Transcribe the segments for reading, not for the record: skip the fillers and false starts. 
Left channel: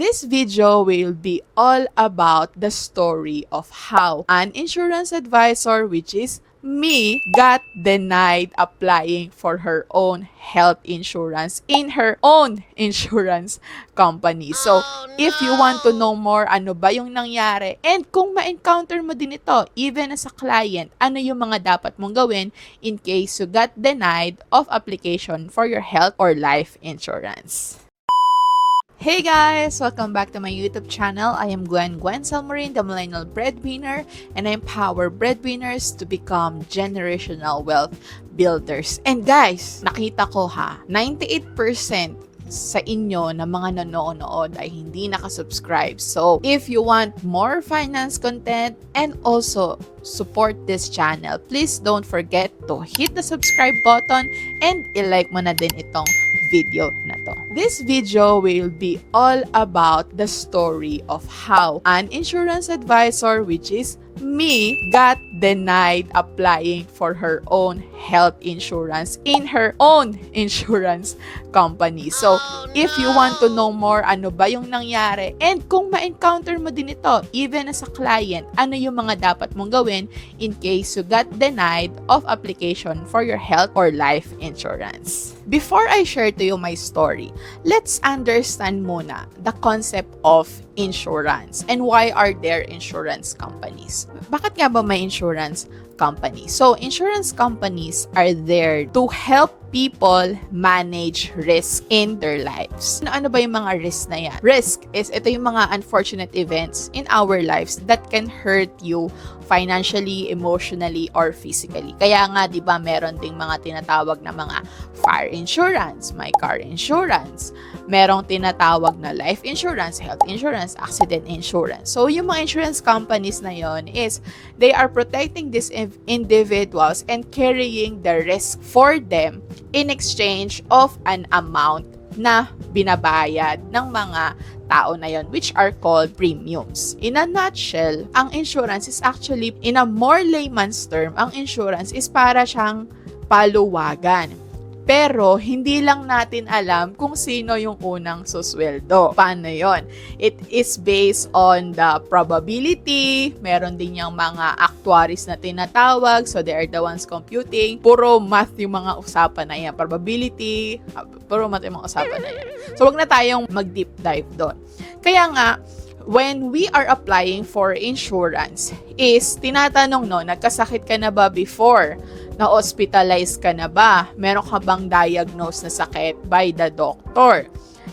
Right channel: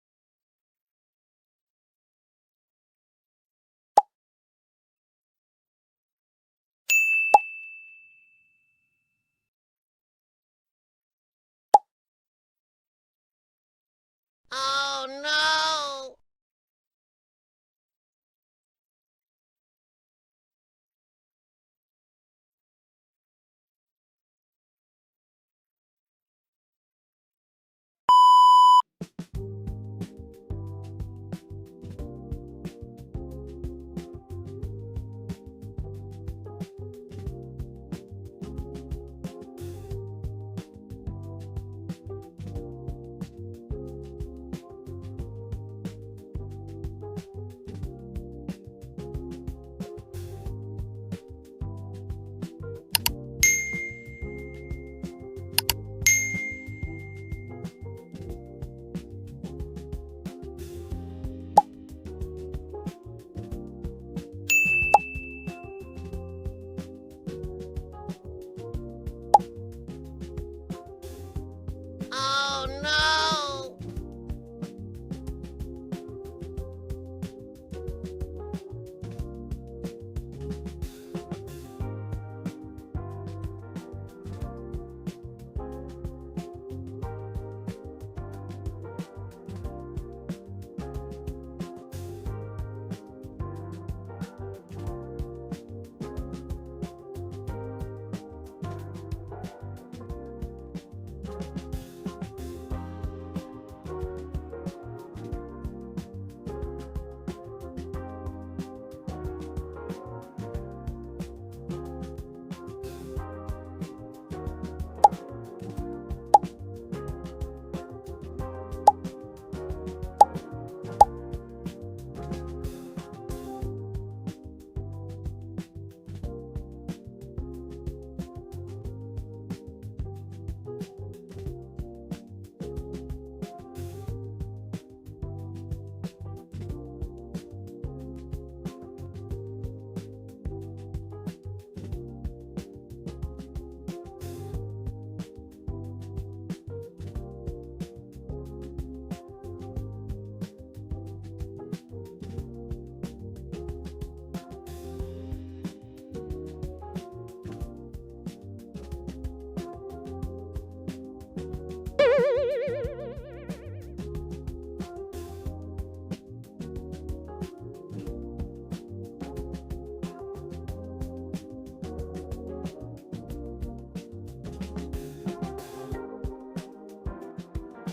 This video will be all about the story of how an insurance advisor, which is me, got denied applying for her own health insurance in her own insurance company. So, if you want to know more, ano ba yung nangyari? And kung ma-encounter mo din ito, even as a client, ano yung mga dapat mong gawin in case you got denied of application for your health or life insurance? Hey guys! Welcome back to my YouTube channel. I am Gwen Salmarin, the Millennial Breadwinner, and I empower breadwinners to become generational wealth builders. And guys, nakita ko 98% sa inyo na mga nanonood ay hindi nakasubscribe. So, if you want more finance content and also support this channel, please don't forget to hit the subscribe button and i-like mo na din itong video na to. This video will be all about the story of how an insurance advisor, which is me, got denied applying for her own health insurance in her own insurance company. So, if you want to know more, ano ba yung nangyari? And kung ma-encounter mo din ito, even as a client, ano yung mga dapat mong gawin in case you got denied of application for your health or life insurance? Before I share to you my story, let's understand muna the concept of insurance and why are there insurance companies. Bakit nga ba may insurance company? So, insurance companies are there to help people manage risk in their lives. Ano ba yung mga risk na yan? Risk is ito yung mga unfortunate events in our lives that can hurt you financially, emotionally, or physically. Kaya nga, di ba, meron ding mga tinatawag na mga fire insurance, my car insurance, merong tinatawag na life insurance, health insurance, accident insurance. So, yung mga insurance companies na yon is they are protecting these individuals and carrying the risk for them in exchange of an amount na binabayad ng mga tao na yon, which are called premiums. In a nutshell, ang insurance is actually, in a more layman's term, ang insurance is para siyang paluwagan. Pero, hindi lang natin alam kung sino yung unang susweldo. Paano yon? It is based on the probability. Meron din yung mga actuaries na tinatawag. So, they are the ones computing. Puro math yung mga usapan na yan. Probability, puro math yung mga usapan na yan. So, wag na tayong mag-deep dive doon. Kaya nga, when we are applying for insurance, is tinatanong, nagkasakit ka na ba before? Na-hospitalize ka na ba? Meron ka bang diagnose na sakit by the doctor?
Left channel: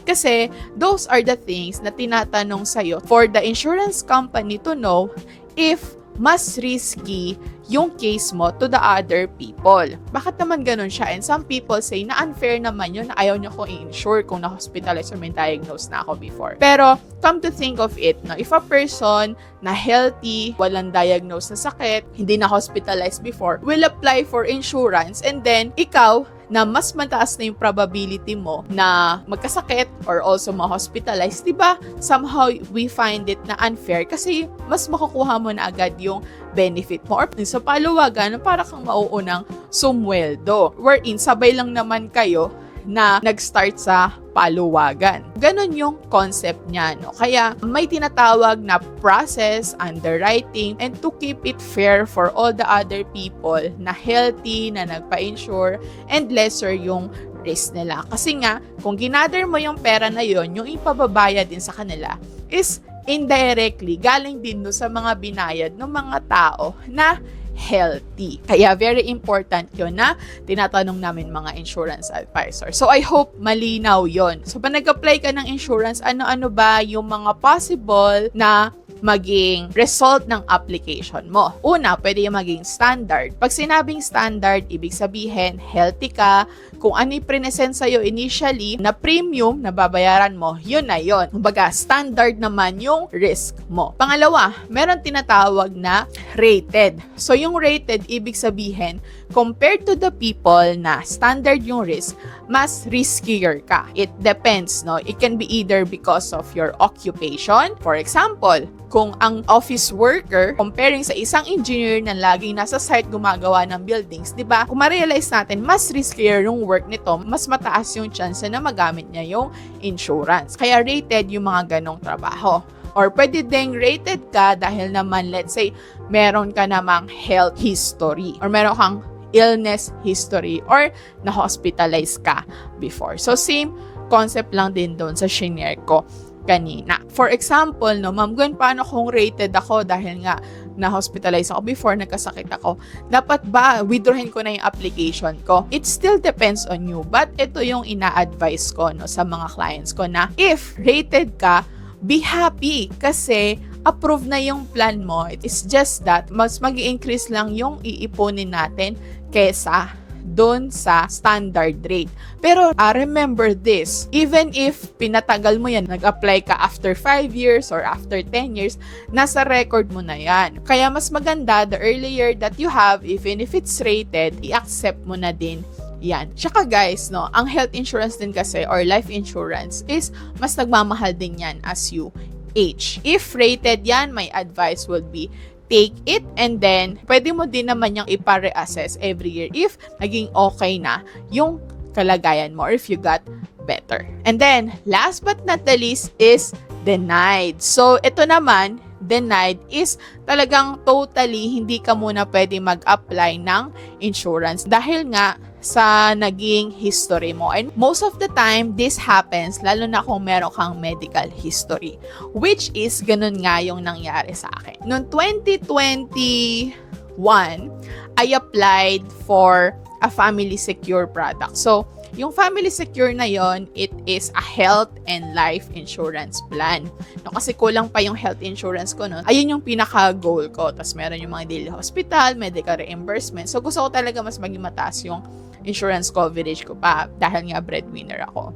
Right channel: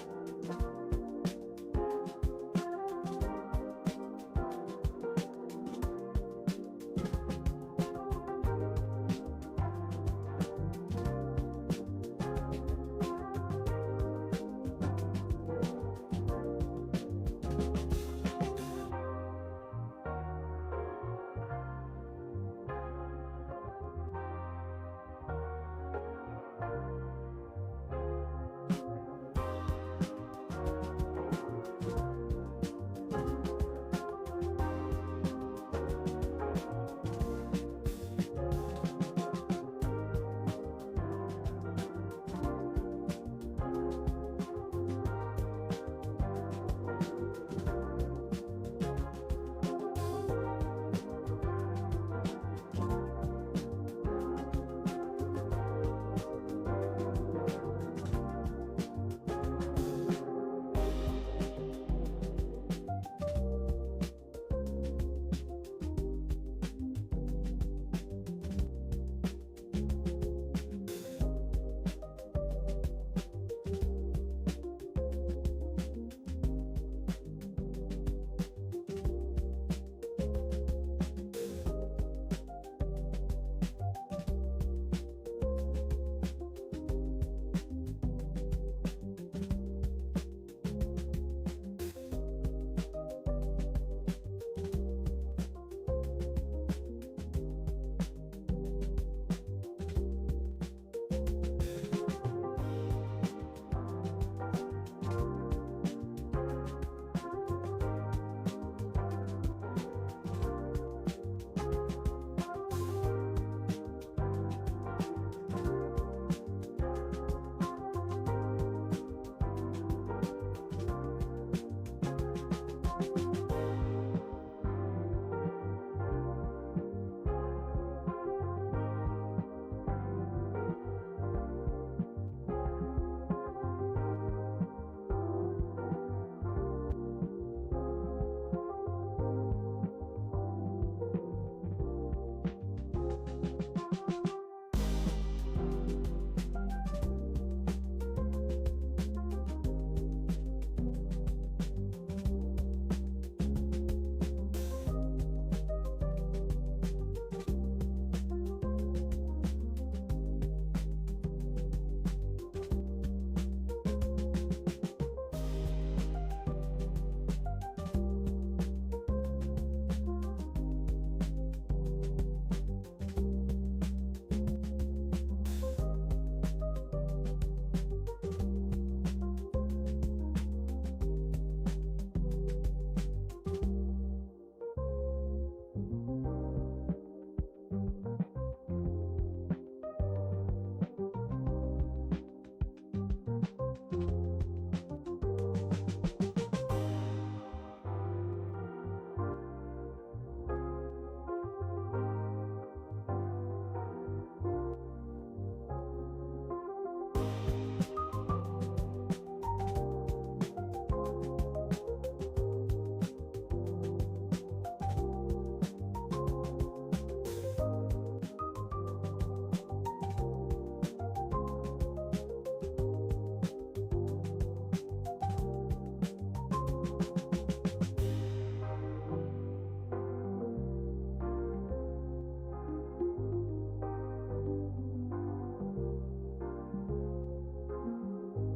Kasi those are the things na tinatanong sa'yo for the insurance company to know if mas risky yung case mo to the other people. Bakit naman ganun siya? And some people say na unfair naman yun, na ayaw nyo kong i-insure kung na-hospitalize or may diagnose na ako before. Pero, come to think of it, if a person na healthy, walang diagnose na sakit, hindi na-hospitalized before, will apply for insurance, and then, ikaw, na mas mataas na yung probability mo na magkasakit or also ma-hospitalize, diba? Somehow, we find it na unfair kasi mas makukuha mo na agad yung benefit mo. Or sa paluwagan, para kang mauunang sumweldo. Wherein, sabay lang naman kayo na nag-start sa paluwagan. Ganon yung concept niya, Kaya may tinatawag na process, underwriting, and to keep it fair for all the other people na healthy, na nagpa-insure, and lesser yung risk nila. Kasi nga, kung ginather mo yung pera na yon, yung ipababaya din sa kanila is indirectly galing din sa mga binayad ng mga tao na healthy. Kaya very important yun na tinatanong namin mga insurance advisor. So I hope malinaw yon. So pag nag-apply ka ng insurance, ano-ano ba yung mga possible na maging result ng application mo? Una, pwede yung maging standard. Pag sinabing standard, ibig sabihin healthy ka. Kung ano yung present sa'yo initially na premium na babayaran mo, yun na yun. Kumbaga, standard naman yung risk mo. Pangalawa, meron tinatawag na rated. So yung rated, ibig sabihin, compared to the people na standard yung risk, mas riskier ka. It depends, no? It can be either because of your occupation. For example, kung ang office worker, comparing sa isang engineer na laging nasa site gumagawa ng buildings, di ba? Kung ma-realize natin, mas riskier yung work nito, mas mataas yung chance na magamit niya yung insurance. Kaya rated yung mga ganong trabaho. Or pwede ding rated ka dahil naman, let's say, meron ka namang health history or meron kang illness history or na-hospitalize ka before. So, same concept lang din doon sa shinare ko kanina. For example, no, Ma'am Gwen, paano kung rated ako dahil nga na-hospitalize ako before, nagkasakit ako? Dapat ba withdrawin ko na yung application ko? It still depends on you. But ito yung ina-advise ko, no, sa mga clients ko na if rated ka, be happy kasi approve na yung plan mo. It is just that mas mag-i-increase lang yung iipunin natin kesa doon sa standard rate. Pero remember this, even if pinatagal mo yan, nag-apply ka after 5 years or after 10 years, nasa record mo na yan. Kaya mas maganda, the earlier that you have, even if it's rated, i-accept mo na din yan. Tsaka guys, no, ang health insurance din kasi or life insurance is mas nagmamahal din yan as you age. If rated yan, my advice would be take it and then pwede mo din naman yung ipa-reassess every year if naging okay na yung kalagayan mo or if you got better. And then, last but not the least is denied. So, ito naman, denied is talagang totally hindi ka muna pwede mag-apply ng insurance dahil nga sa naging history mo. And most of the time, this happens lalo na kung meron kang medical history, which is ganun nga yung nangyari sa akin. Noong 2021, I applied for a family secure product. So, yung family secure na yon, it is a health and life insurance plan. No, kasi kulang pa yung health insurance ko noon. Ayun yung pinaka-goal ko. Tapos meron yung mga daily hospital, medical reimbursement. So, gusto ko talaga mas maging mataas yung insurance coverage ko pa dahil nga breadwinner ako.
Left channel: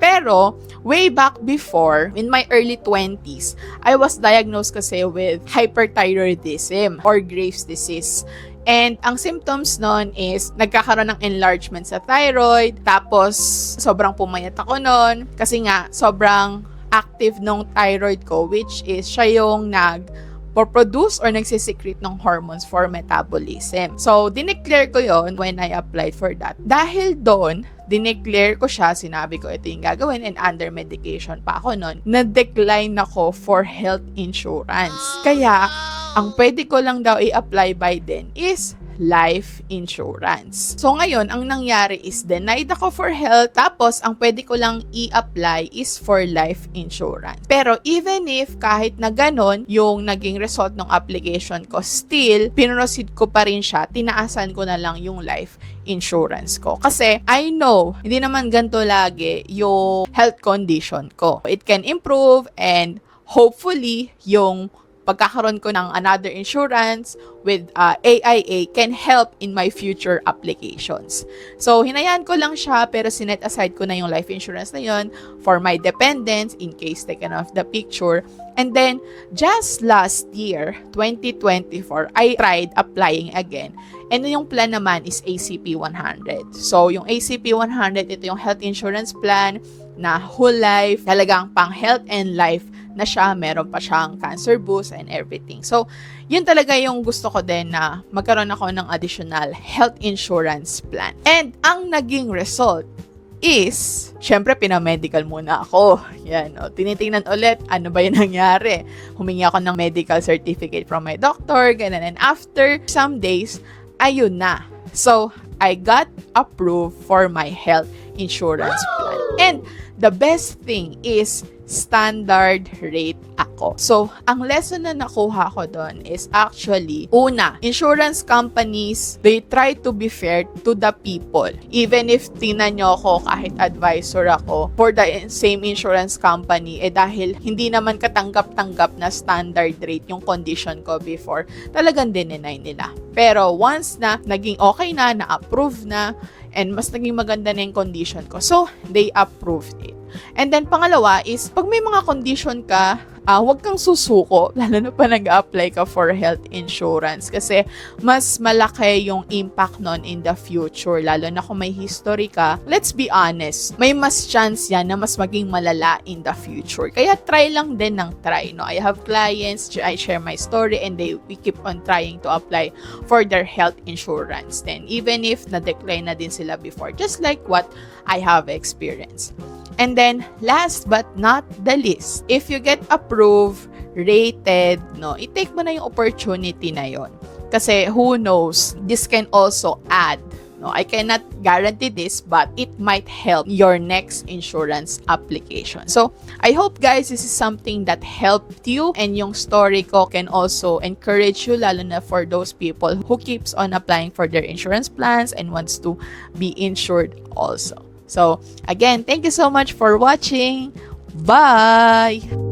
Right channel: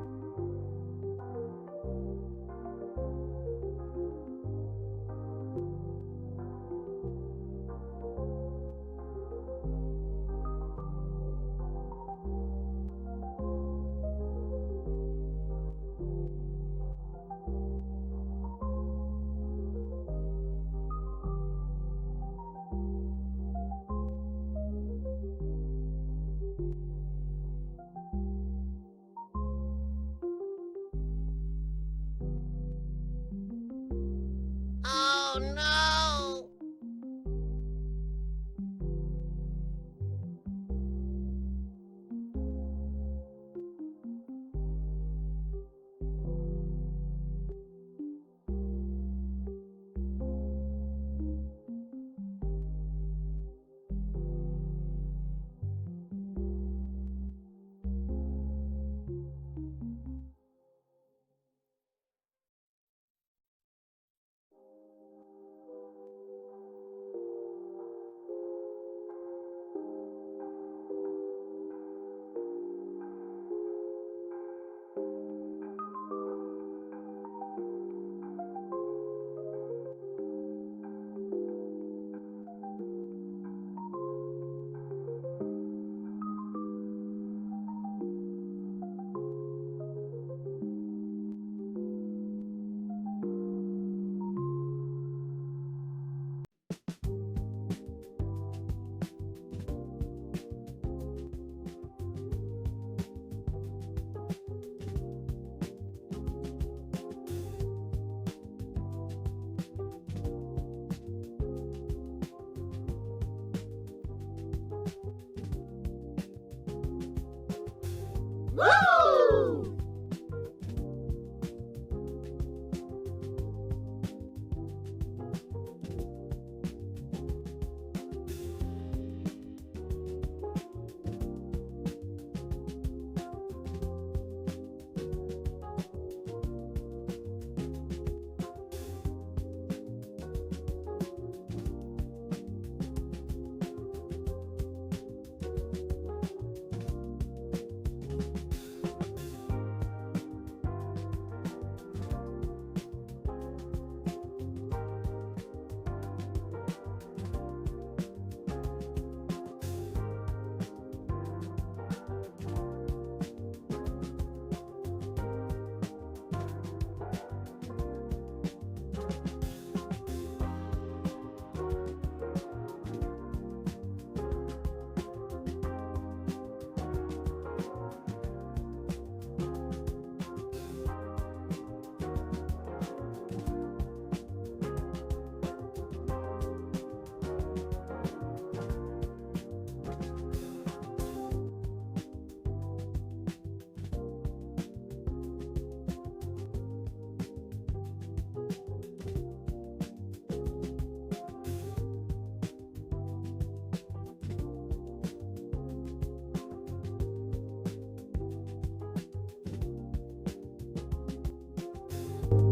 Pero, way back before, in my early 20s, I was diagnosed kasi with hyperthyroidism or Graves' disease. And ang symptoms nun is nagkakaroon ng enlargement sa thyroid, tapos sobrang pumayat ako nun kasi nga sobrang active ng thyroid ko, which is siya yung nag-produce or nagsisecrete ng hormones for metabolism. So, dineclare ko yon when I applied for that. Dahil doon, dineclare ko siya, sinabi ko ito yung gagawin and under medication pa ako nun, na-decline ako for health insurance. Kaya, ang pwede ko lang daw i-apply by then is life insurance. So ngayon, ang nangyari is denied ako for health, tapos ang pwede ko lang i-apply is for life insurance. Pero even if kahit na ganon yung naging result ng application ko, still, pinroceed ko pa rin siya, tinaasan ko na lang yung life insurance ko. Kasi I know, hindi naman ganito lagi yung health condition ko. It can improve and hopefully yung pagkakaroon ko ng another insurance with AIA can help in my future applications. So, hinayaan ko lang siya pero sinet aside ko na yung life insurance na yun for my dependents in case taken off the picture. And then, just last year, 2024, I tried applying again. And yung plan naman is ACP 100. So, yung ACP 100, ito yung health insurance plan na whole life, talagang pang health and life na siya, meron pa siyang cancer boost and everything. So, yun talaga yung gusto ko din na magkaroon ako ng additional health insurance plan. And ang naging result is, syempre, pinamedical muna ako. Yan, o, tinitingnan ulit, ano ba yung nangyari? Humingi ako ng medical certificate from my doctor, ganun. And after some days, ayun na. So, I got approved for my health insurance plan. And the best thing is standard rate ako. So, ang lesson na nakuha ko doon is actually, una, insurance companies, they try to be fair to the people. Even if tingnan nyo ako kahit advisor ako for the same insurance company, dahil hindi naman katanggap-tanggap na standard rate yung condition ko before, talagang dinenay nila. Pero once na naging okay na, na-approve na, and mas naging maganda na yung condition ko, so they approved it. And then pangalawa is, pag may mga condition ka, huwag kang susuko, lalo na pa nag-apply ka for health insurance kasi mas malaki yung impact nun in the future, lalo na kung may history ka. Let's be honest, may mas chance yan na mas maging malala in the future. Kaya try lang din ng try, no? I have clients, I share my story, and we keep on trying to apply for their health insurance. Then, even if na-decline na din sila before, just like what I have experienced. And then, last but not the least, if you get approved, rated, no, i-take mo na yung opportunity na yon. Kasi who knows, this can also add, no, I cannot guarantee this, but it might help your next insurance application. So, I hope guys, this is something that helped you, and yung story ko can also encourage you, lalo na for those people who keeps on applying for their insurance plans and wants to be insured also. So, again, thank you so much for watching. Bye!